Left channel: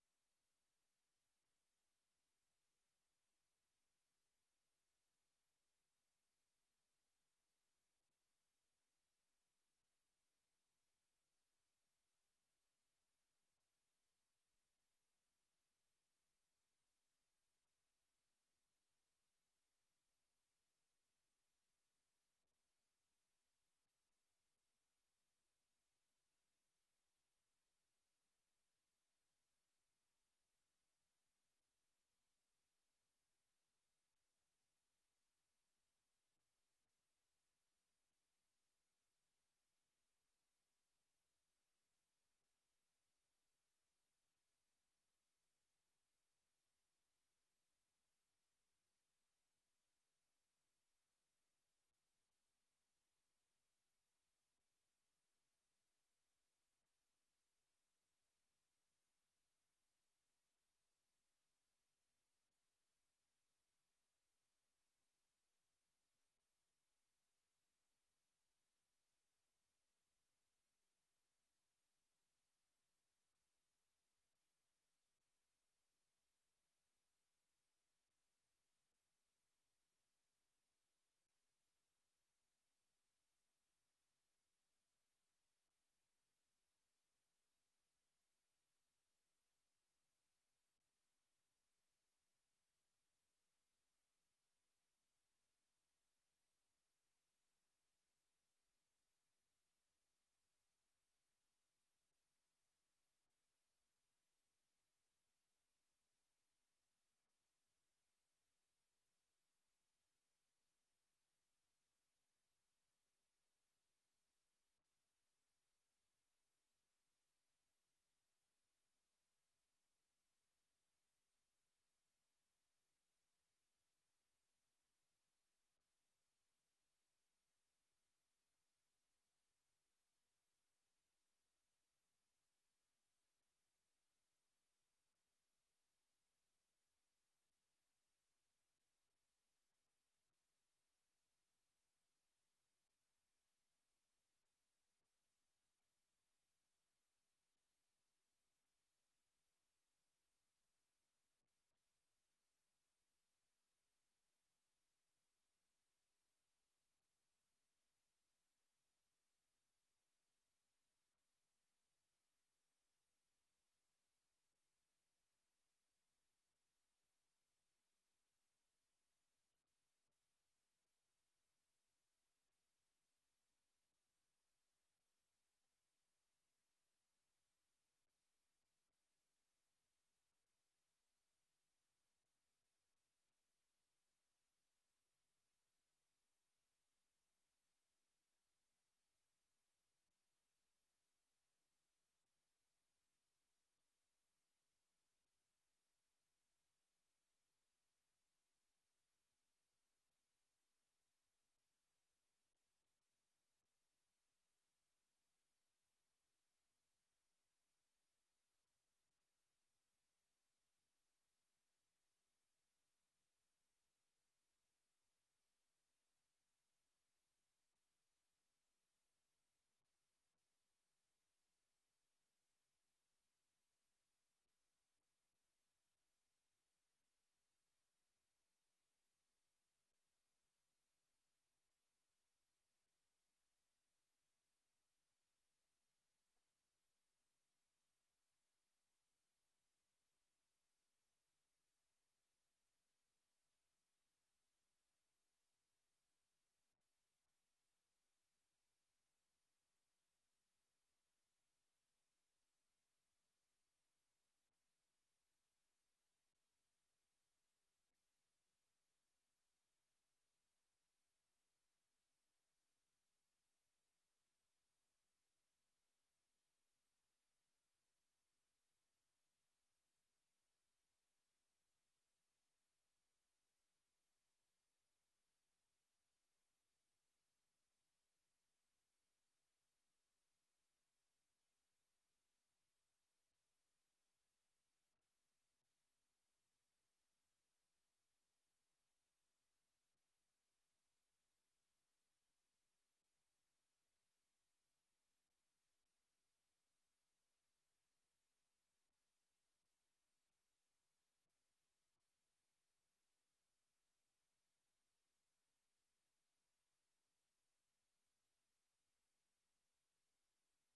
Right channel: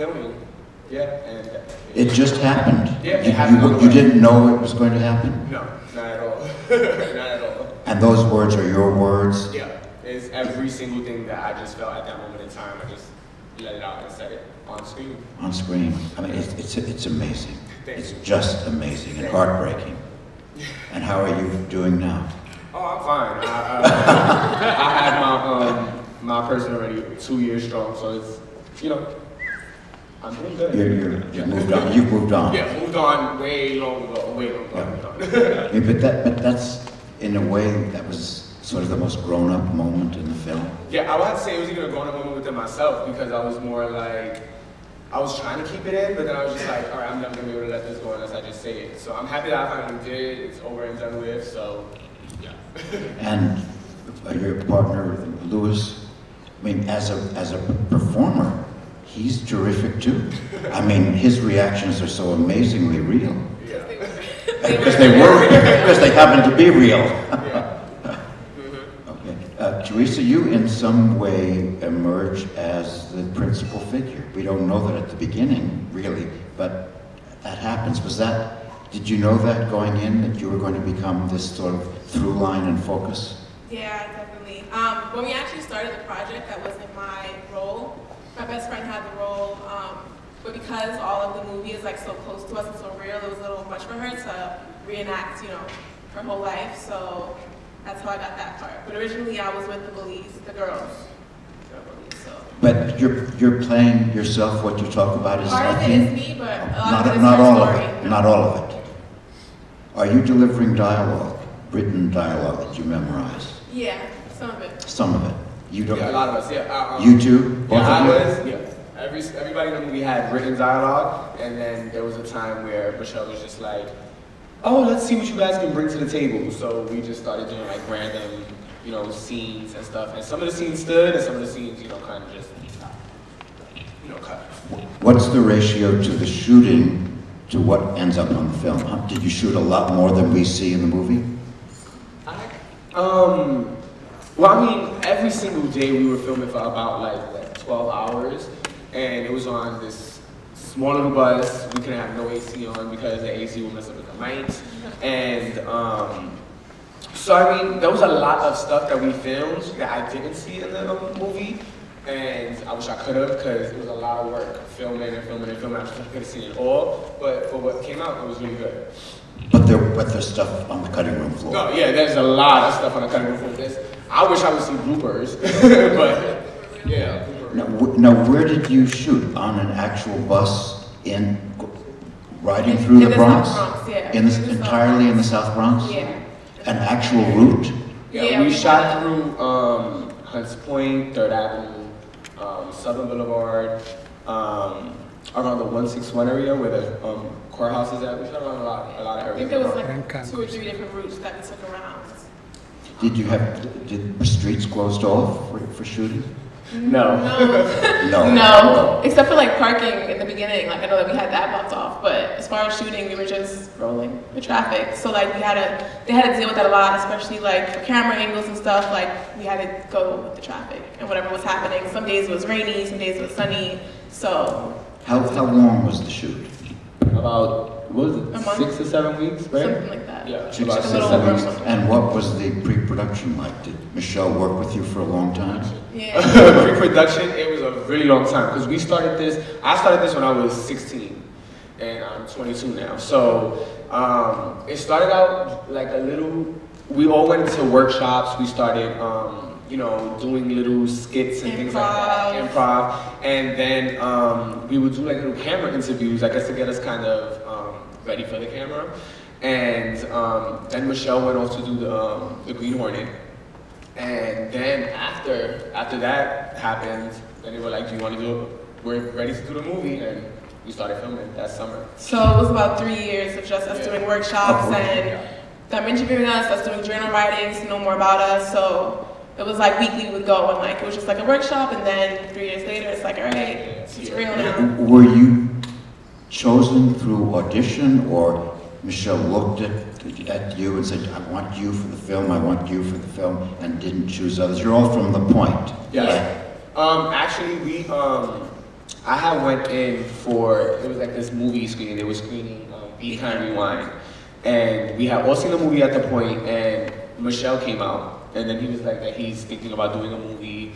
filming. Yeah, and it just happened. Yeah, it happened. You didn't know it was going to happen? No, not at all. Not at all. And those words are your words? Yeah, it's every single thing that I just felt at that moment in time. I just let it out and said it on screen. On screen. I mean, it's amazing. It's just amazing and heartbreaking. And how are you doing now? Oh, I'm fine. I had my person already 2 years strong, so it's, you know, I'm doing good. You've moved on. You've moved on. Yeah, moved on way long ago. Way long ago. Yeah. Yeah, but that's, in a way, that was sort of the most grown-up moment in the film. Yeah, I would have to say it was even a grown-up moment within myself, because I was more like, I was trying to keep it in, but then I was just like, all right, I'm never gonna be able to let this go unless I just say it. So I'm happy that I finally did. It's over and done with. So yeah. And your partner, Louis, I mean, as a performer, he's terrific too. I mean, his reactions are so amazingly real. Yeah. Because they happen to be real. Yeah. Okay. Teresa, you in some way emerge as the principal figure. We don't know that at the beginning, really, but that happens. Did you know that going in, that you were going to become this sort of through line and focus? Yeah, definitely. When we actually started the project, that wasn't my role. My best friend had the role, but because all of the movie is like so close to us and so real, it was a little much for her to reenact, you know, her whole life. So that's how I got that part. But originally, I was with the bullies, the girls. So. But you're playing yourself. What you talk about is part of it is me, but a lot of it is not her all story. of it. Not all of it. Are you delivering dialogue, written dialogue that you memorize? Yeah, some of it. Some of it. You don't. Yeah, a lot of us. Yeah. You too. Both Yeah, of you? I was. Yeah. Everybody in the movie had written dialogue, and then there was a time where Michelle was just like, "Oh, let's see what you guys can bring to the table." So we just started doing like random, you know, scenes and stuff. And some of the scenes stood, and some of the scenes, you know, kind of just, you know, cut. What's the ratio to the shooting to what ends up on the film? Did you shoot a lot more than we see in the movie? Well, I mean, every single day we were filming for about like 12 hours, and it was on this small little bus. We couldn't have no AC on because the AC would mess up with the mics. And so I mean, there was a lot of stuff that we filmed that I didn't see in the movie, and I wish I could have, because it was a lot of work filming and filming and filming. I wish I could have seen it all, but for what came out, it was really good. But there's stuff on the cutting room floor. No, yeah, there's a lot of stuff on the cutting room floor. I wish I would see bloopers, but yeah. Now, where did you shoot? On an actual bus riding through the Bronx? South Bronx, yeah. Entirely in the South Bronx? Yeah. An actual route? Yeah, we shot through Hunts Point, 3rd Avenue, Southern Boulevard, around the 161 area where the courthouse is at. We shot around a lot of areas. I think there was like 2 or 3 different routes that we took around. Did the streets closed off for shooting? No. No, except for like parking in the beginning. Like I know that we had that blocked off, but as far as shooting, we were just rolling the traffic. So like they had to deal with that a lot, especially like for camera angles and stuff. Like we had to go with the traffic and whatever was happening. Some days it was rainy, some days it was sunny. So how long was the shoot? About, what was it, 6 to 7 weeks, right? Something like that. Yeah, About 6 to 7 weeks. And what was the pre-production like? Did Michelle work with you for a long time? Yeah. Pre-production, it was a really long time, because I started this when I was 16, and I'm 22 now. So it started out like a little, we all went into workshops. We started, you know, doing little skits and things like that, improv. And then we would do like little camera interviews, I guess, to get us kind of ready for the camera. And then Michelle went off to do the Green Hornet. And then after that happened, then they were like, do you want to do it? We're ready to do the movie. And we started filming that summer. So it was about 3 years of just us doing workshops and them interviewing us doing journal writings to know more about us. So it was like weekly we would go, and like it was just like a workshop, and then 3 years later it's like, all right, it's real now. Were you chosen through audition, or Michelle looked at you and said, I want you for the film, I want you for the film, and didn't choose others? You're all from The Point. Yeah. Actually, I had went in for, it was like this movie screening. They were screening Be Kind Rewind. And we had all seen the movie at the point, and Michelle came out. And then he was like that he's thinking about doing a movie,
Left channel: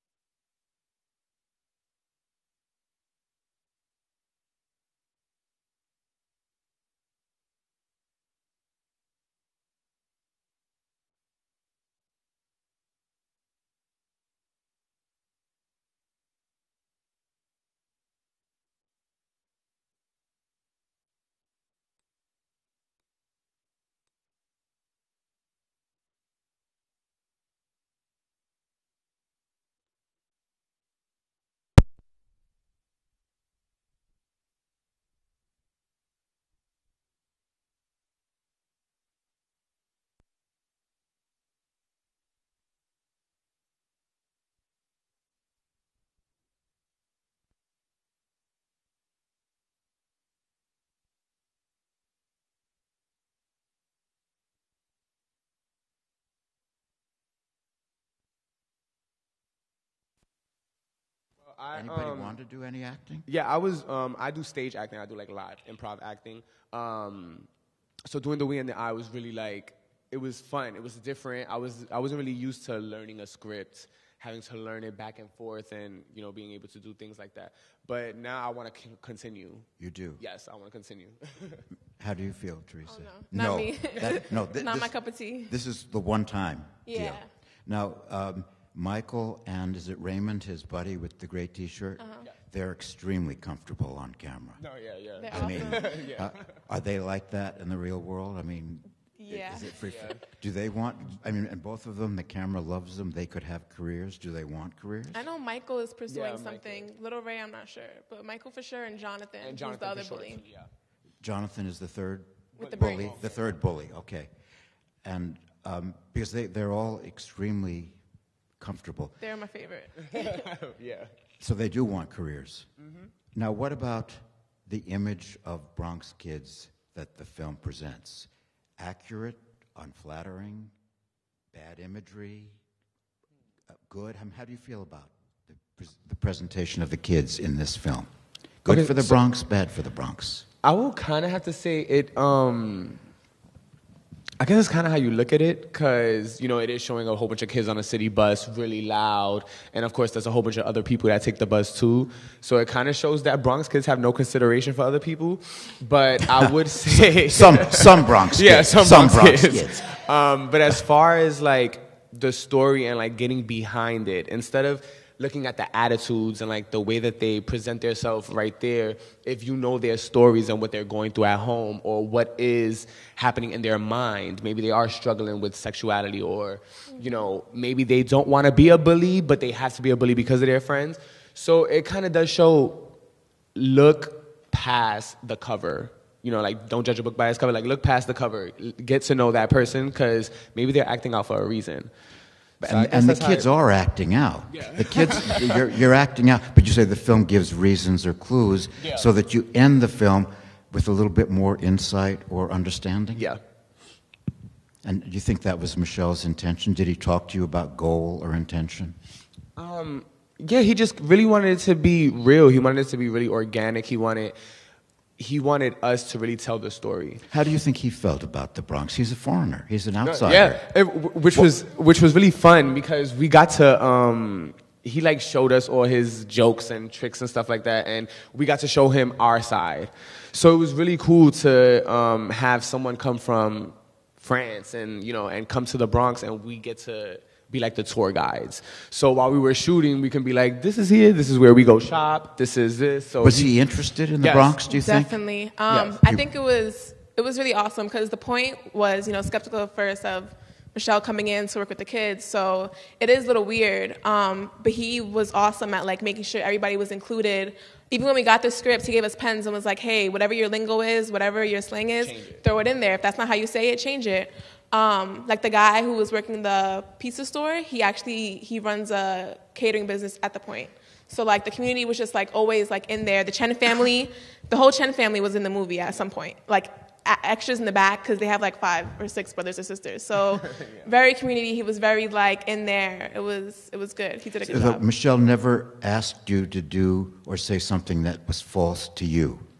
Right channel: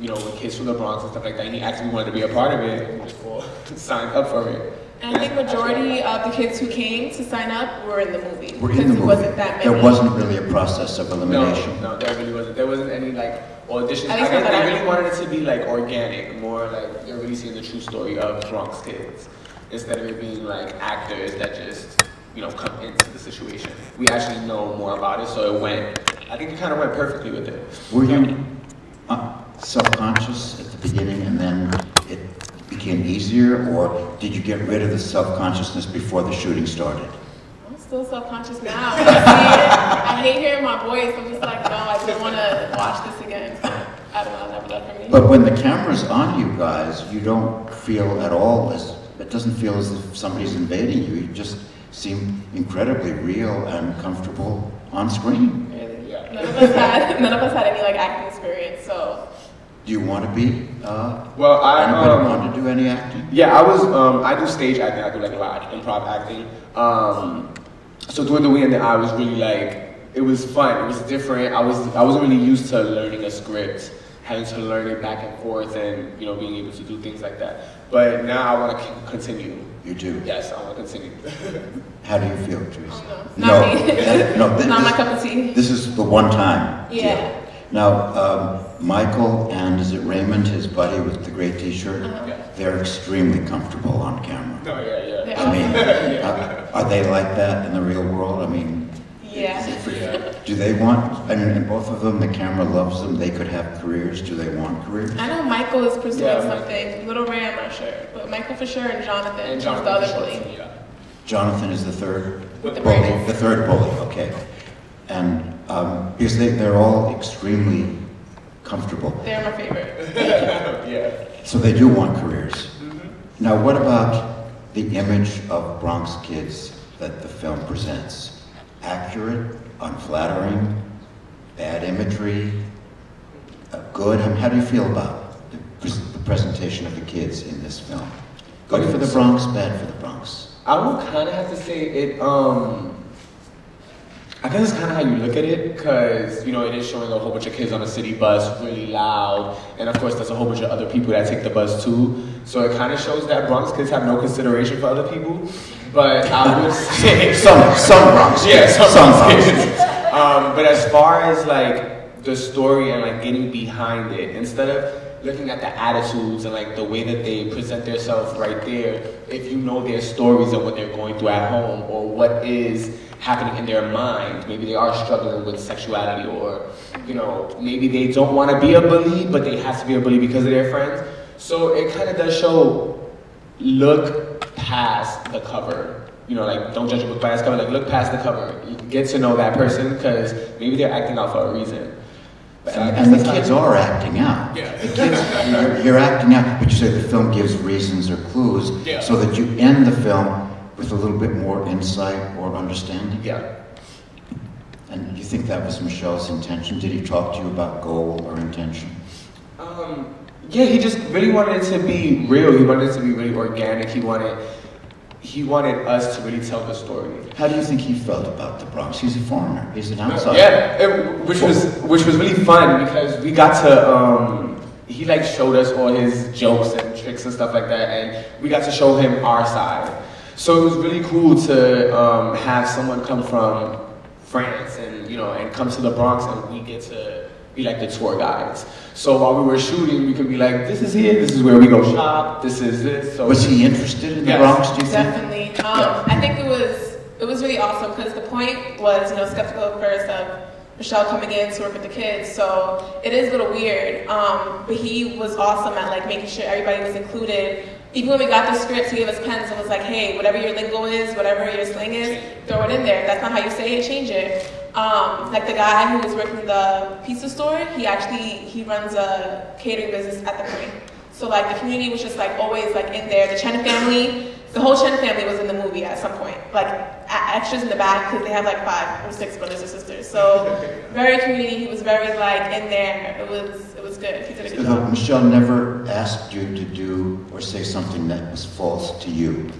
you know, with kids from the Bronx and stuff like that. And he asked me if he wanted to be a part of it, and we just all signed up for it. And I think majority of the kids who came to sign up were in the movie. Were in the movie. Wasn't that many. There wasn't really a process of elimination. No, there really wasn't. There wasn't any like auditions. I At least guess not they that I really know. wanted it to be like organic, more like they're really seeing the true story of Bronx kids instead of it being like actors that just, you know, come into the situation. We actually know more about it, so it went. I think it kind of went perfectly with it. Were you self-conscious at the beginning and then it became easier, or did you get rid of the self-consciousness before the shooting started? I'm still self-conscious now. When I see it, I hate hearing my voice. I'm just like, no, I don't want to watch this again. So, I don't know, never left for me. But when the camera's on you guys, you don't feel at all it doesn't feel as if somebody's invading you. You just seem incredibly real and comfortable on screen. Really? Yeah. None of us had any like acting experience, so. Do you want to be? Well, anybody want to do any acting? Yeah, I do stage acting. I do like live improv acting. So doing the weekend, I was really like, it was fun. It was different. I wasn't really used to learning a script, having to learn it back and forth, and you know, being able to do things like that. But now I want to continue. You do? Yes, I want to continue. How do you feel, Teresa? Not me. No, It's not my cup of tea. This is the one time. Yeah. deal. Now, Michael and is it Raymond, his buddy with the gray T-shirt? Uh-huh. They're extremely comfortable on camera. No, yeah. Yeah. I mean, Yeah. are they like that in the real world? I mean, Yeah. do they want? And both of them, the camera loves them. They could have careers. Do they want careers? I know Michael is pursuing Yeah. something. Little Ray, I'm not sure. But Michael for sure, and Jonathan, And who's Jonathan, the other for bully. sure, yeah. Jonathan is the third With the bully. braids. The third bully. Okay. And because they're all extremely comfortable, They're my favorite. Yeah. so they do want careers. Mm-hmm. Now, what about the image of Bronx kids that the film presents? Accurate, unflattering, bad imagery, good? I mean, how do you feel about the presentation of the kids in this film? Good for the Bronx, bad for the Bronx. I would kind of have to say it, I guess it's kind of how you look at it, because, you know, it is showing a whole bunch of kids on a city bus, really loud, and of course there's a whole bunch of other people that take the bus too, so it kind of shows that Bronx kids have no consideration for other people, but I would say... some Bronx. Yeah, some Bronx. kids. But as far as, like, the story and, like, getting behind it, instead of looking at the attitudes and like the way that they present themselves right there, if you know their stories of what they're going through at home or what is happening in their mind, maybe they are struggling with sexuality, or you know, maybe they don't want to be a bully, but they have to be a bully because of their friends. So it kind of does show, look past the cover. You know, like don't judge a book by its cover. Like look past the cover, get to know that person because maybe they're acting out for a reason. And the kids are acting out. Yeah. The kids, you're acting out, but you say the film gives reasons or clues, Yeah. so that you end the film with a little bit more insight or understanding. Yeah. And you think that was Michelle's intention? Did he talk to you about goal or intention? Yeah, he just really wanted it to be real. He wanted it to be really organic. He wanted us to really tell the story. How do you think he felt about the Bronx? He's a foreigner. He's an outsider. Yeah, which was really fun because we got to he like showed us all his jokes and tricks and stuff like that, and we got to show him our side. So it was really cool to have someone come from France and you know and come to the Bronx, and we get to be like the tour guides. So while we were shooting, we could be like, this is it, this is where we go shop, this is it. So was he interested in the Yes. Bronx, do you think? Definitely. I think it was really awesome because the point was, you know, skeptical at first of Michelle coming in to work with the kids. So it is a little weird. But he was awesome at like making sure everybody was included. Even when we got the script, he gave us pens and was like, hey, whatever your lingo is, whatever your slang is, throw it in there. If that's not how you say it, change it. Like the guy who was working the pizza store, he runs a catering business at the point. So like the community was just like always like in there. The Chen family, the whole Shen family was in the movie at some point, like extras in the back because they have like 5 or 6 brothers and sisters. So very community. He was very like in there. It was good. He did a good So job. Michelle never asked you to do or say something that was false to you.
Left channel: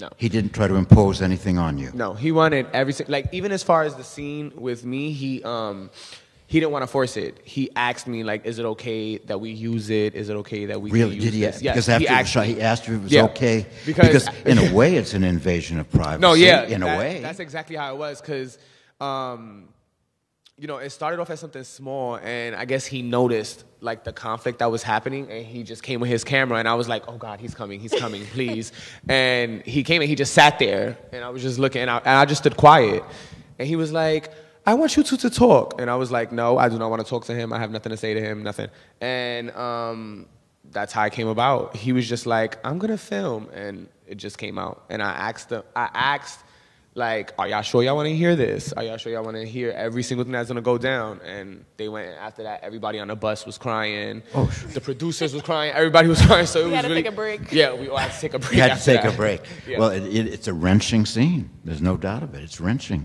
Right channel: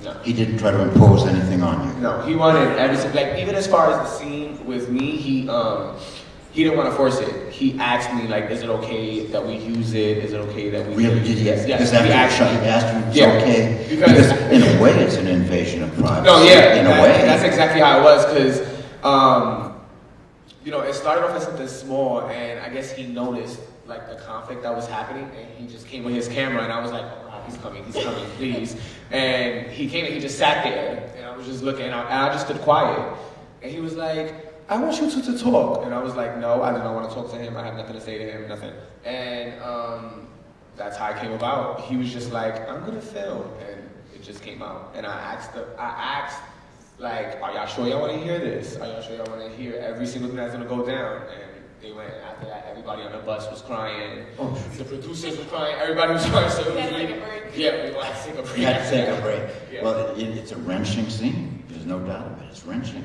No. He didn't try to impose anything on you. No, he wanted everything. Like even as far as the scene with me, he didn't want to force it. He asked me like, "Is it okay that we use it? Is it okay that we?" Really? Did he? Yes. He asked you if it's Yeah. okay? Because in a way, it's an invasion of privacy. no, yeah, In a way. that's exactly how it was. Because you know, it started off as something small, and I guess he noticed like the conflict that was happening, and he just came with his camera, and I was like, "Oh God, he's coming, please!" And he came and he just sat there, and I was just looking, and I just stood quiet, and he was like, "I want you two to talk," and I was like, "No, I do not want to talk to him. I have nothing to say to him, nothing." And that's how it came about. He was just like, "I'm gonna film," and it just came out, and I asked like, "Are y'all sure y'all want to hear this? Are y'all sure y'all want to hear every single thing that's gonna go down?" And they went. After that, everybody on the bus was crying. Oh, the producers were crying. Everybody was crying. So it We was had to really take a break. yeah. We all had to take a break. You had to after take that. a break. Yeah. Well, it's a wrenching scene. There's no doubt of it. It's wrenching.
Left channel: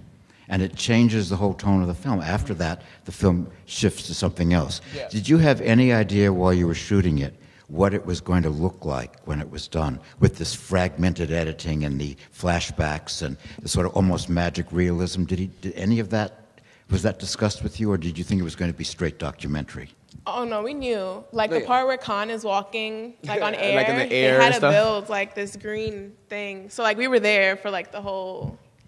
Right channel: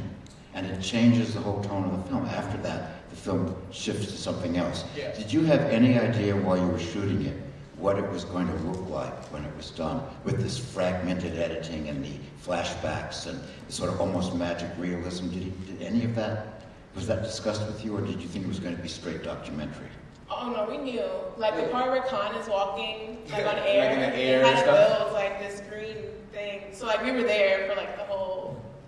And it changes the whole tone of the film. After that, the film shifts to something else. Yeah. Did you have any idea while you were shooting it what it was going to look like when it was done, with this fragmented editing and the flashbacks and the sort of almost magic realism? Did any of that, was that discussed with you, or did you think it was going to be straight documentary? Oh no, we knew. Like the Wait. part where Khan is walking, like Yeah, on air, like in the air they had and to stuff? build like this green thing. So like we were there for like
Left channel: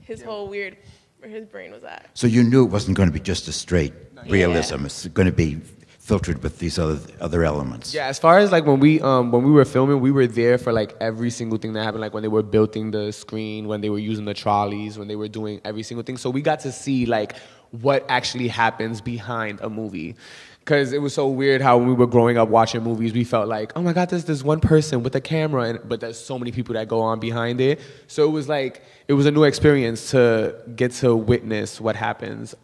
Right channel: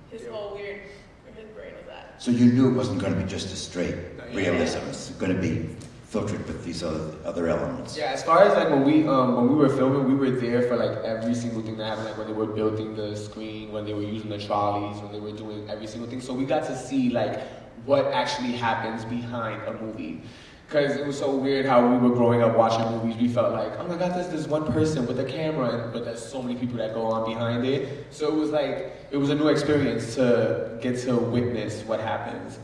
his whole weird, where his brain was at. So you knew it wasn't going to be just a straight realism. It's going to be filtered with these other elements. Yeah, as far as like when we were filming, we were there for like every single thing that happened. Like when they were building the screen, when they were using the trolleys, when they were doing every single thing. So we got to see like what actually happens behind a movie. Because it was so weird how we were growing up watching movies. We felt like, oh my God, there's this one person with a camera, but there's so many people that go on behind it. So it was like, it was a new experience to get to witness what happens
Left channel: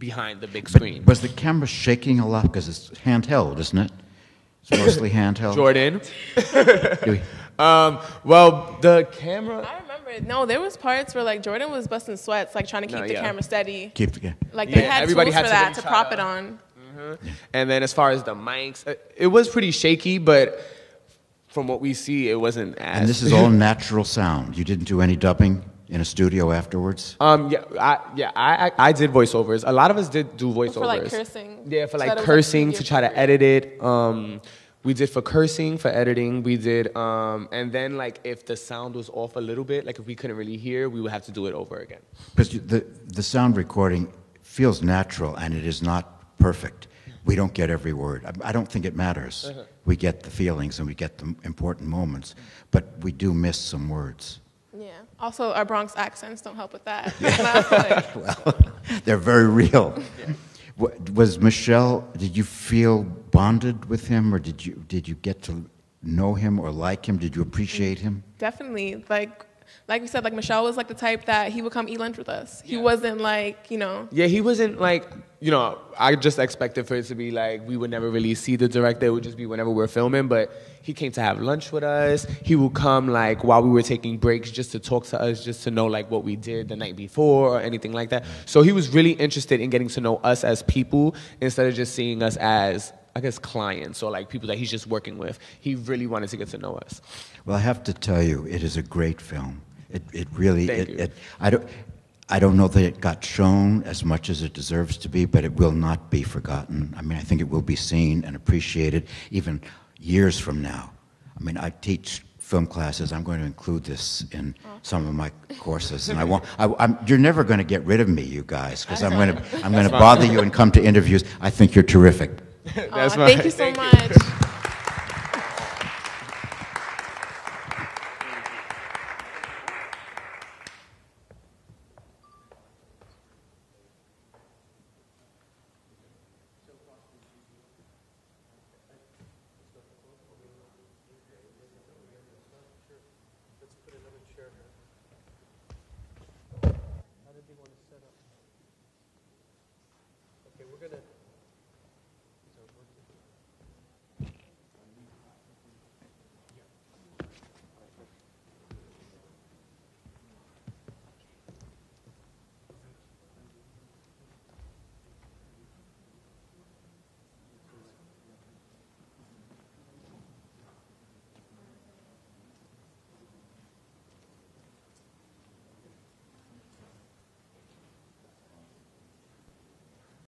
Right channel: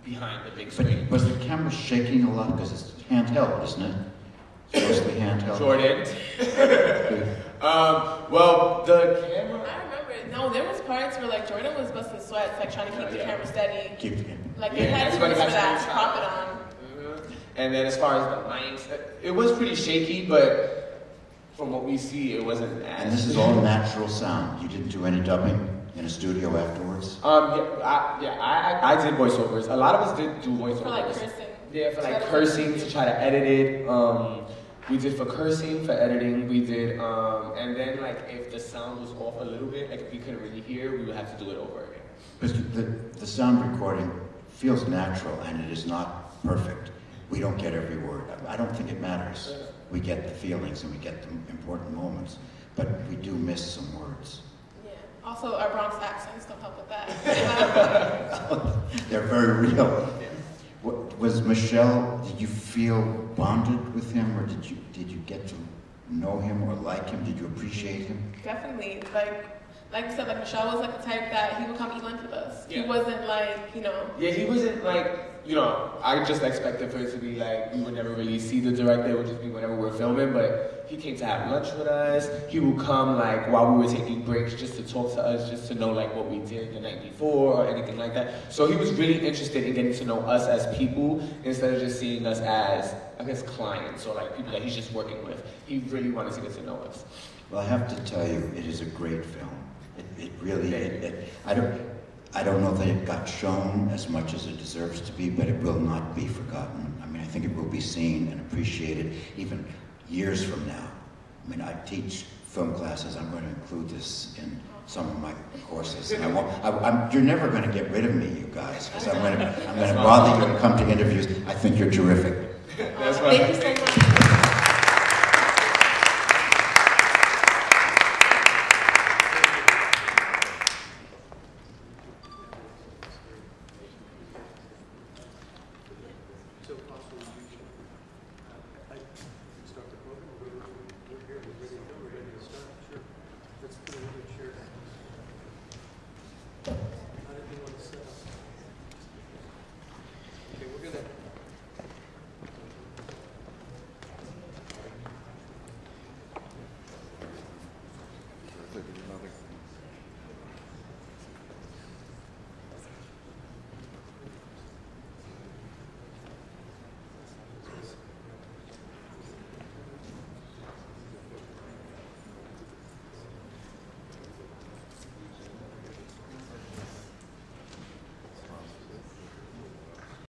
behind the big screen. But was the camera shaking a lot? Because it's handheld, isn't it? It's mostly handheld. Jordan? Well, the camera... I remember. No, there was parts where like Jordan was busting sweats, like trying to keep the camera steady. Keep the Like they had everybody tools had for that to to prop it on. And then as far as the mics, it was pretty shaky, but from what we see, it wasn't as... And this is all natural sound. You didn't do any dubbing in a studio afterwards? I did voiceovers. A lot of us did do voiceovers. For like cursing. Yeah, for So like that it cursing, wasn't- to try to edit it. We did for cursing, for editing. We did, and then like if the sound was off a little bit, like if we couldn't really hear, we would have to do it over again. Because the sound recording feels natural and it is not perfect. We don't get every word. I don't think it matters. We get the feelings and we get the important moments, but we do miss some words. Yeah. Also, our Bronx accents don't help with that. Well, they're very real. Was Michelle, did you feel bonded with him, or did you get to know him or like him? Did you appreciate him? Definitely. Like you said, like Michelle was like the type that he would come eat lunch with us. He Yeah. wasn't like, Yeah, he wasn't like, I just expected for it to be like, we would never really see the director. It would just be whenever we're filming, but he came to have lunch with us. He would come like while we were taking breaks just to talk to us, just to know like what we did the night before or anything like that. So he was really interested in getting to know us as people instead of just seeing us as, I guess, clients or like people that he's just working with. He really wanted to get to know us. Well, I have to tell you, it is a great film. It really, Thank you. I don't know that it got shown as much as it deserves to be, but it will not be forgotten. I mean, I think it will be seen and appreciated even years from now. I mean, I teach film classes. I'm going to include this in some of my courses, and you're never going to get rid of me, you guys, because I'm going to bother you and come to interviews. I think you're terrific. That's Thank you so much.